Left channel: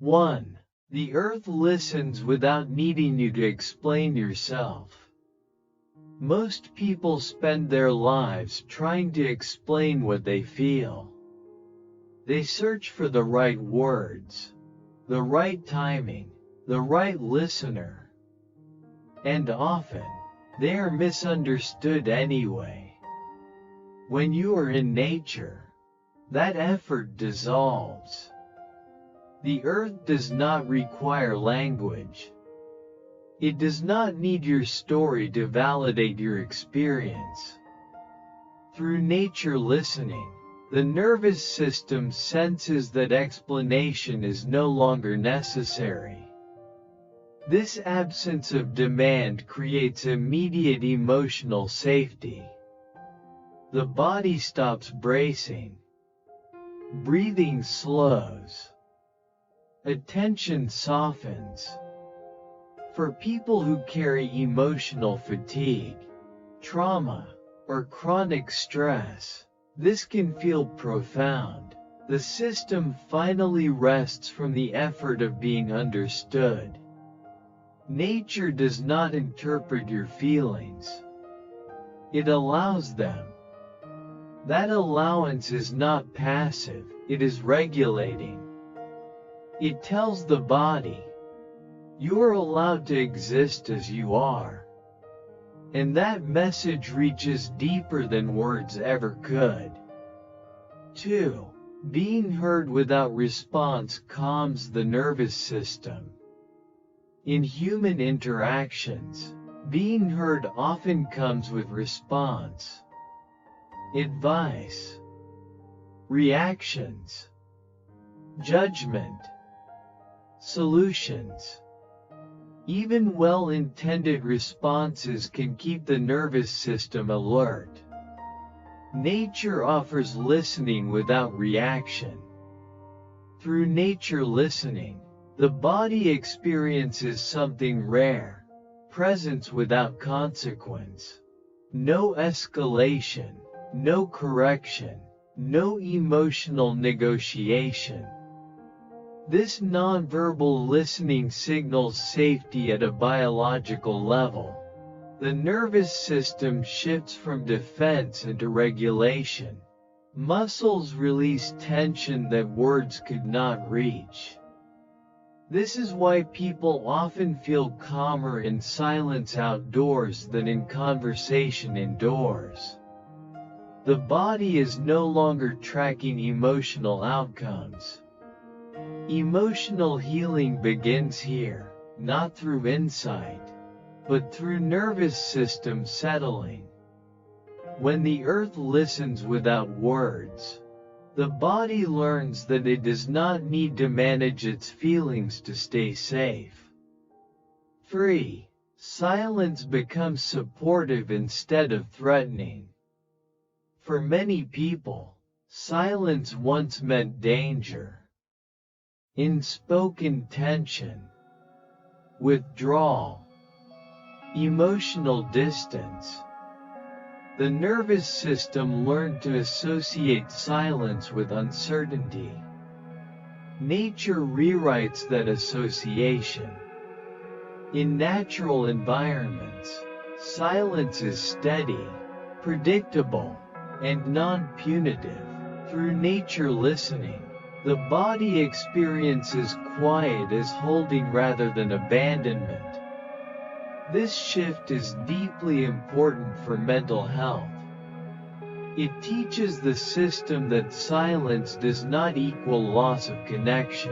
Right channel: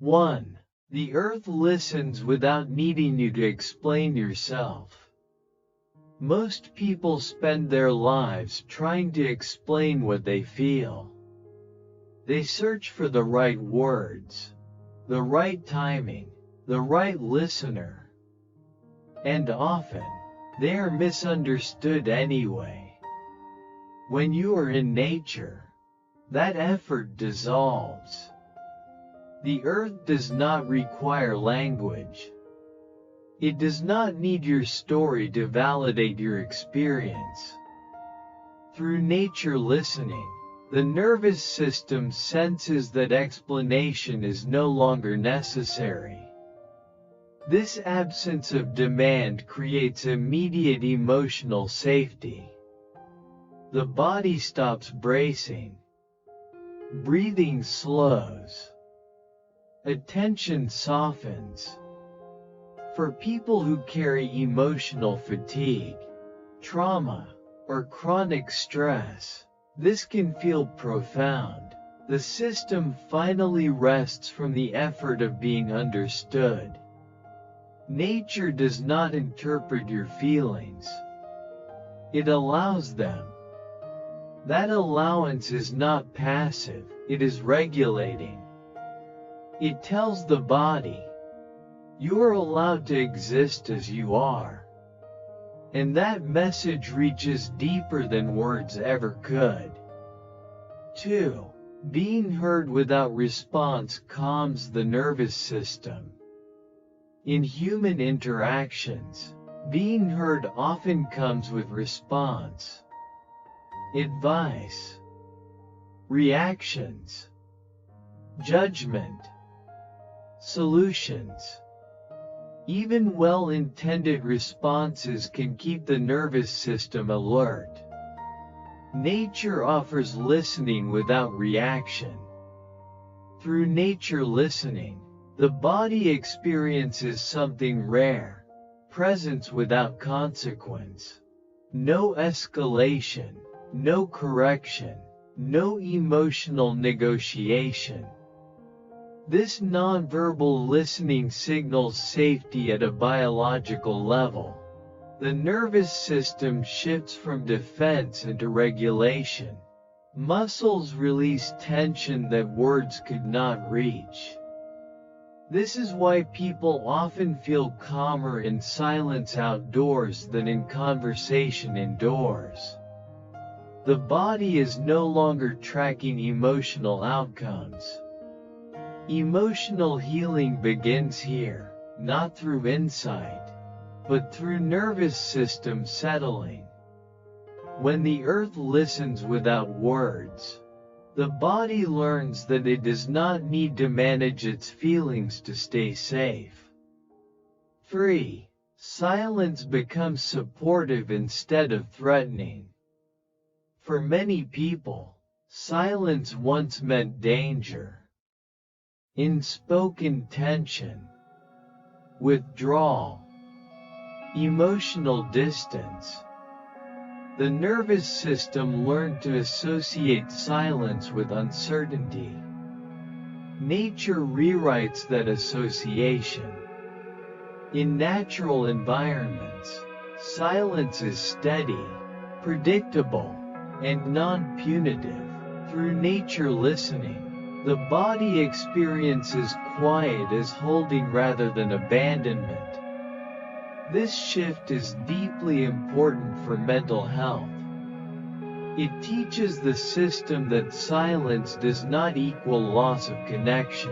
1. The earth listens without needing you to explain yourself. Most people spend their lives trying to explain what they feel. They search for the right words, the right timing, the right listener, and often they are misunderstood anyway. When you are in nature, that effort dissolves. The earth does not require language. It does not need your story to validate your experience. Through nature listening, the nervous system senses that explanation is no longer necessary. This absence of demand creates immediate emotional safety. The body stops bracing. Breathing slows. Attention softens. For people who carry emotional fatigue, trauma, or chronic stress, this can feel profound. The system finally rests from the effort of being understood. Nature does not interpret your feelings. It allows them. That allowance is not passive, it is regulating. It tells the body, you're allowed to exist as you are. And that message reaches deeper than words ever could. 2. Being heard without response calms the nervous system. In human interactions, being heard often comes with response, advice, reactions, judgment, solutions. Even well-intended responses can keep the nervous system alert. Nature offers listening without reaction. Through nature listening, the body experiences something rare, presence without consequence. No escalation, no correction, no emotional negotiation. This nonverbal listening signals safety at a biological level. The nervous system shifts from defense into regulation. Muscles release tension that words could not reach. This is why people often feel calmer in silence outdoors than in conversation indoors. The body is no longer tracking emotional outcomes. Emotional healing begins here, not through insight, but through nervous system settling. When the earth listens without words, the body learns that it does not need to manage its feelings to stay safe. 3. Silence becomes supportive instead of threatening. For many people, silence once meant danger. Unspoken tension, withdrawal, emotional distance. The nervous system learned to associate silence with uncertainty. Nature rewrites that association. In natural environments, silence is steady, predictable, and non-punitive. Through nature listening, the body experiences quiet as holding rather than abandonment. This shift is deeply important for mental health. It teaches the system that silence does not equal loss of connection.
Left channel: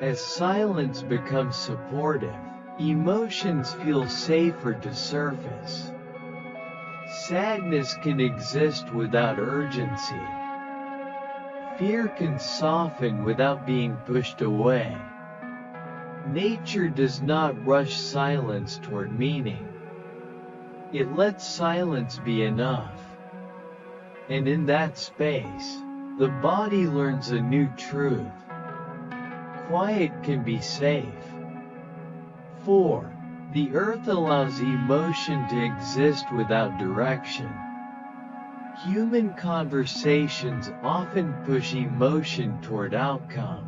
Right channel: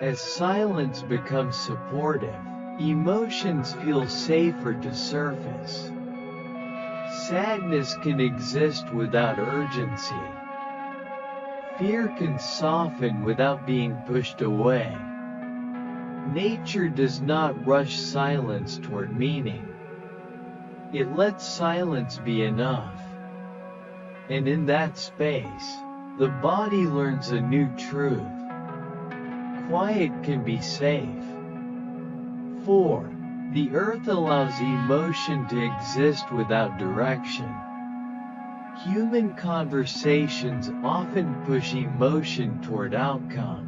As silence becomes supportive, emotions feel safer to surface. Sadness can exist without urgency. Fear can soften without being pushed away. Nature does not rush silence toward meaning. It lets silence be enough. And in that space, the body learns a new truth. Quiet can be safe. 4. The earth allows emotion to exist without direction. Human conversations often push emotion toward outcome.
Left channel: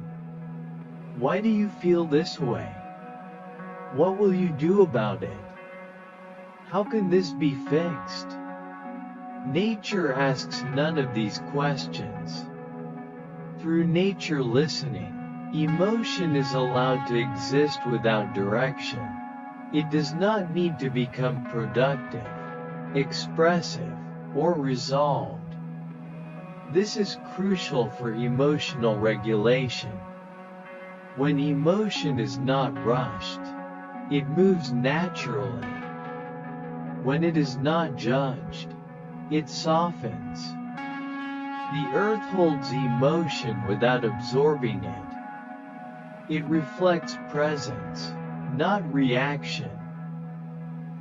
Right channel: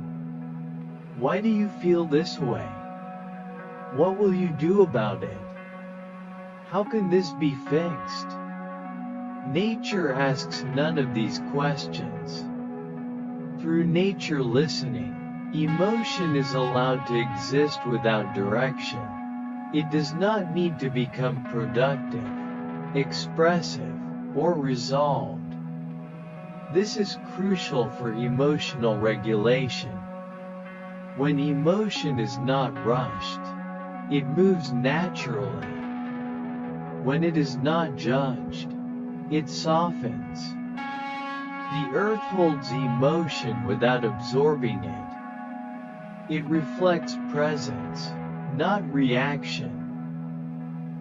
Why do you feel this way? What will you do about it? How can this be fixed? Nature asks none of these questions. Through nature listening, emotion is allowed to exist without direction. It does not need to become productive, expressive, or resolved. This is crucial for emotional regulation. When emotion is not rushed, it moves naturally. When it is not judged, it softens. The earth holds emotion without absorbing it. It reflects presence, not reaction.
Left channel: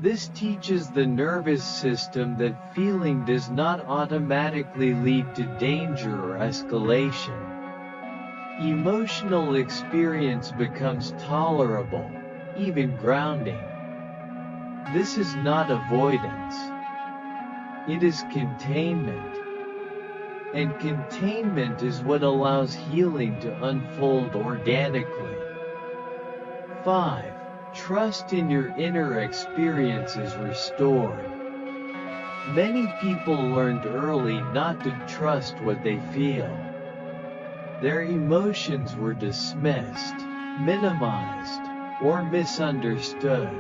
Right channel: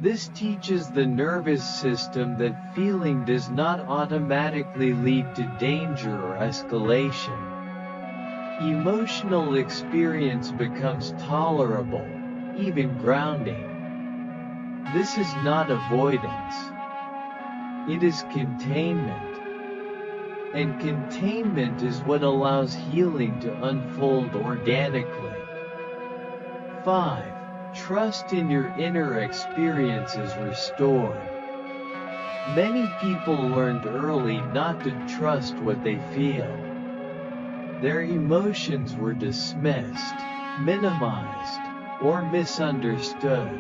This teaches the nervous system that feeling does not automatically lead to danger or escalation. Emotional experience becomes tolerable, even grounding. This is not avoidance. It is containment. And containment is what allows healing to unfold organically. 5. Trust in your inner experience is restored. Many people learned early not to trust what they feel. Their emotions were dismissed, minimized, or misunderstood.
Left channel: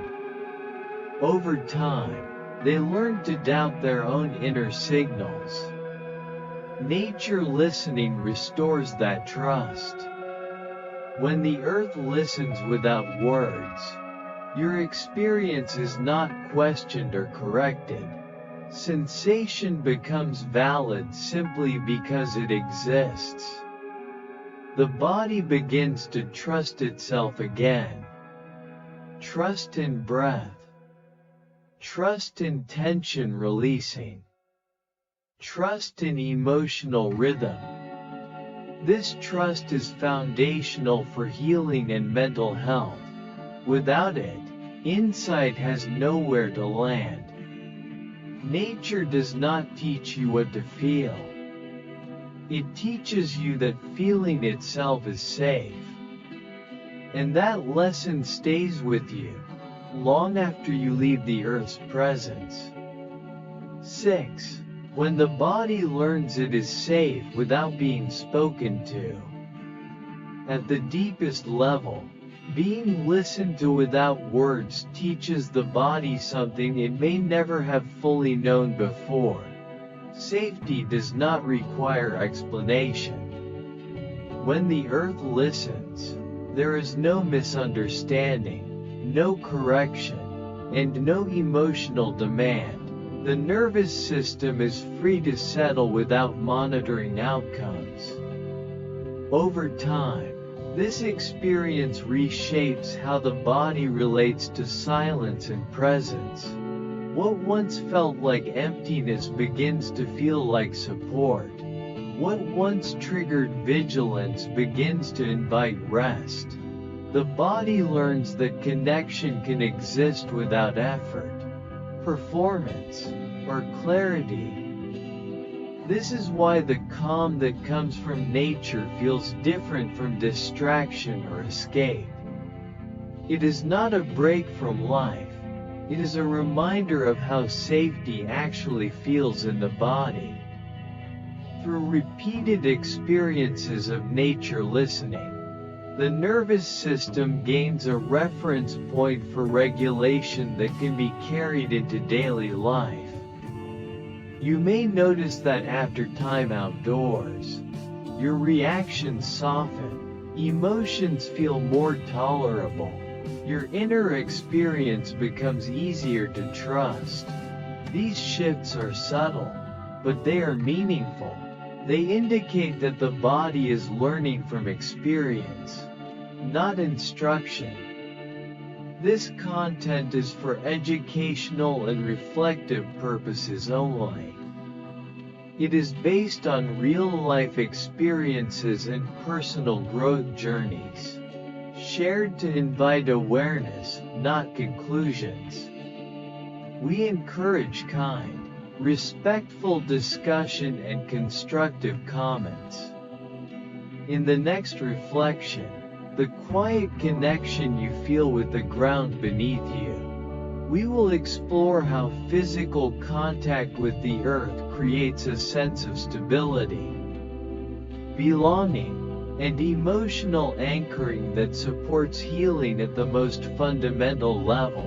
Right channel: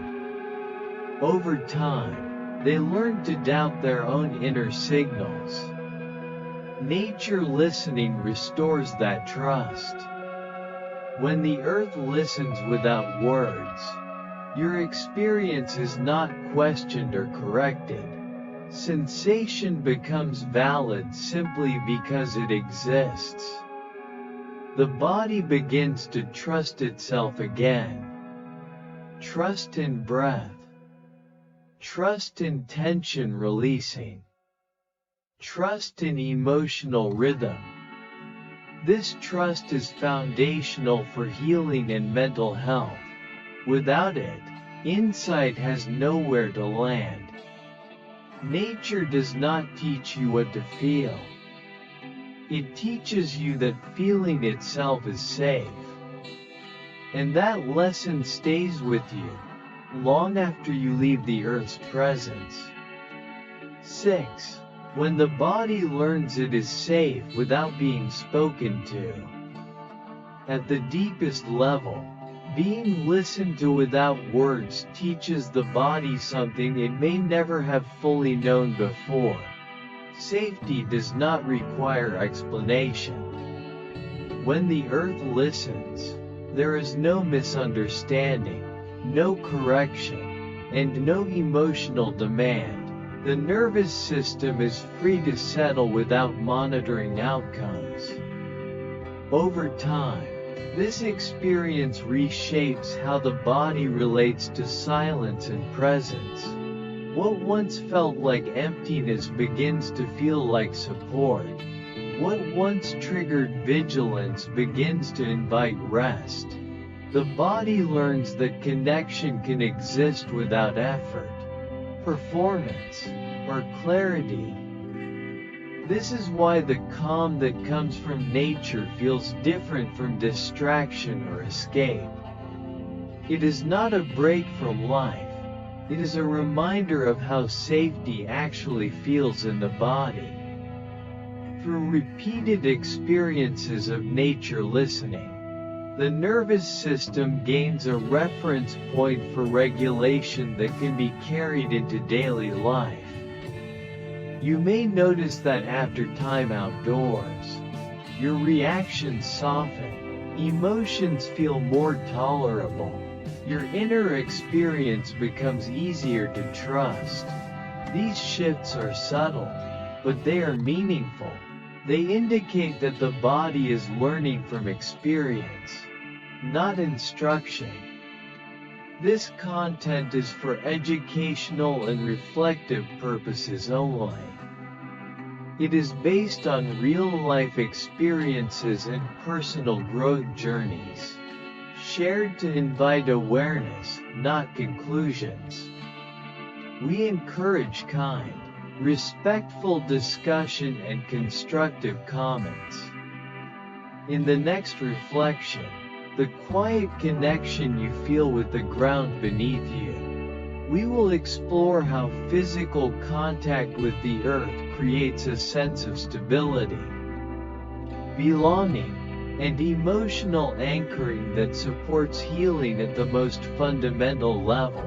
Over time, they learned to doubt their own inner signals. Nature listening restores that trust. When the earth listens without words, your experience is not questioned or corrected. Sensation becomes valid simply because it exists. The body begins to trust itself again. Trust in breath. Trust in tension releasing. Trust in emotional rhythm. This trust is foundational for healing and mental health. Without it, insight has nowhere to land. Nature does not teach you what to feel. It teaches you that feeling itself is safe. And that lesson stays with you long after you leave the earth's presence. 6. When the body learns it is safe without being spoken to. At the deepest level, being listened to without words teaches the body something it may never have fully known before. Safety does not require explanation. When the earth listens, there is no misunderstanding, no correction, and no emotional demand. The nervous system is free to settle without monitoring outcomes. Over time, this experience reshapes how the body relates to silence and presence. What once felt like emptiness begins to feel like support. What once triggered vigilance begins to invite rest. The body learns that connection can exist without effort, performance, or clarity. This is why the calm that comes from nature feels different from distraction or escape. It is not a break from life. It is a reminder of how safety actually feels in the body. Through repeated experiences of nature listening, the nervous system gains a reference point for regulation that can be carried into daily life. You may notice that after time outdoors, your reactions soften, emotions feel more tolerable, your inner experience becomes easier to trust. These shifts are subtle, but they are meaningful. They indicate that the body is learning from experience, not instruction. This content is for educational and reflective purposes only. It is based on real-life experiences and personal growth journeys, shared to invite awareness, not conclusions. We encourage kind, respectful discussion and constructive comments. In the next reflection, the quiet connection you feel with the ground beneath you. We will explore how physical contact with the earth creates a sense of stability, belonging, and emotional anchoring that supports healing at the most fundamental level.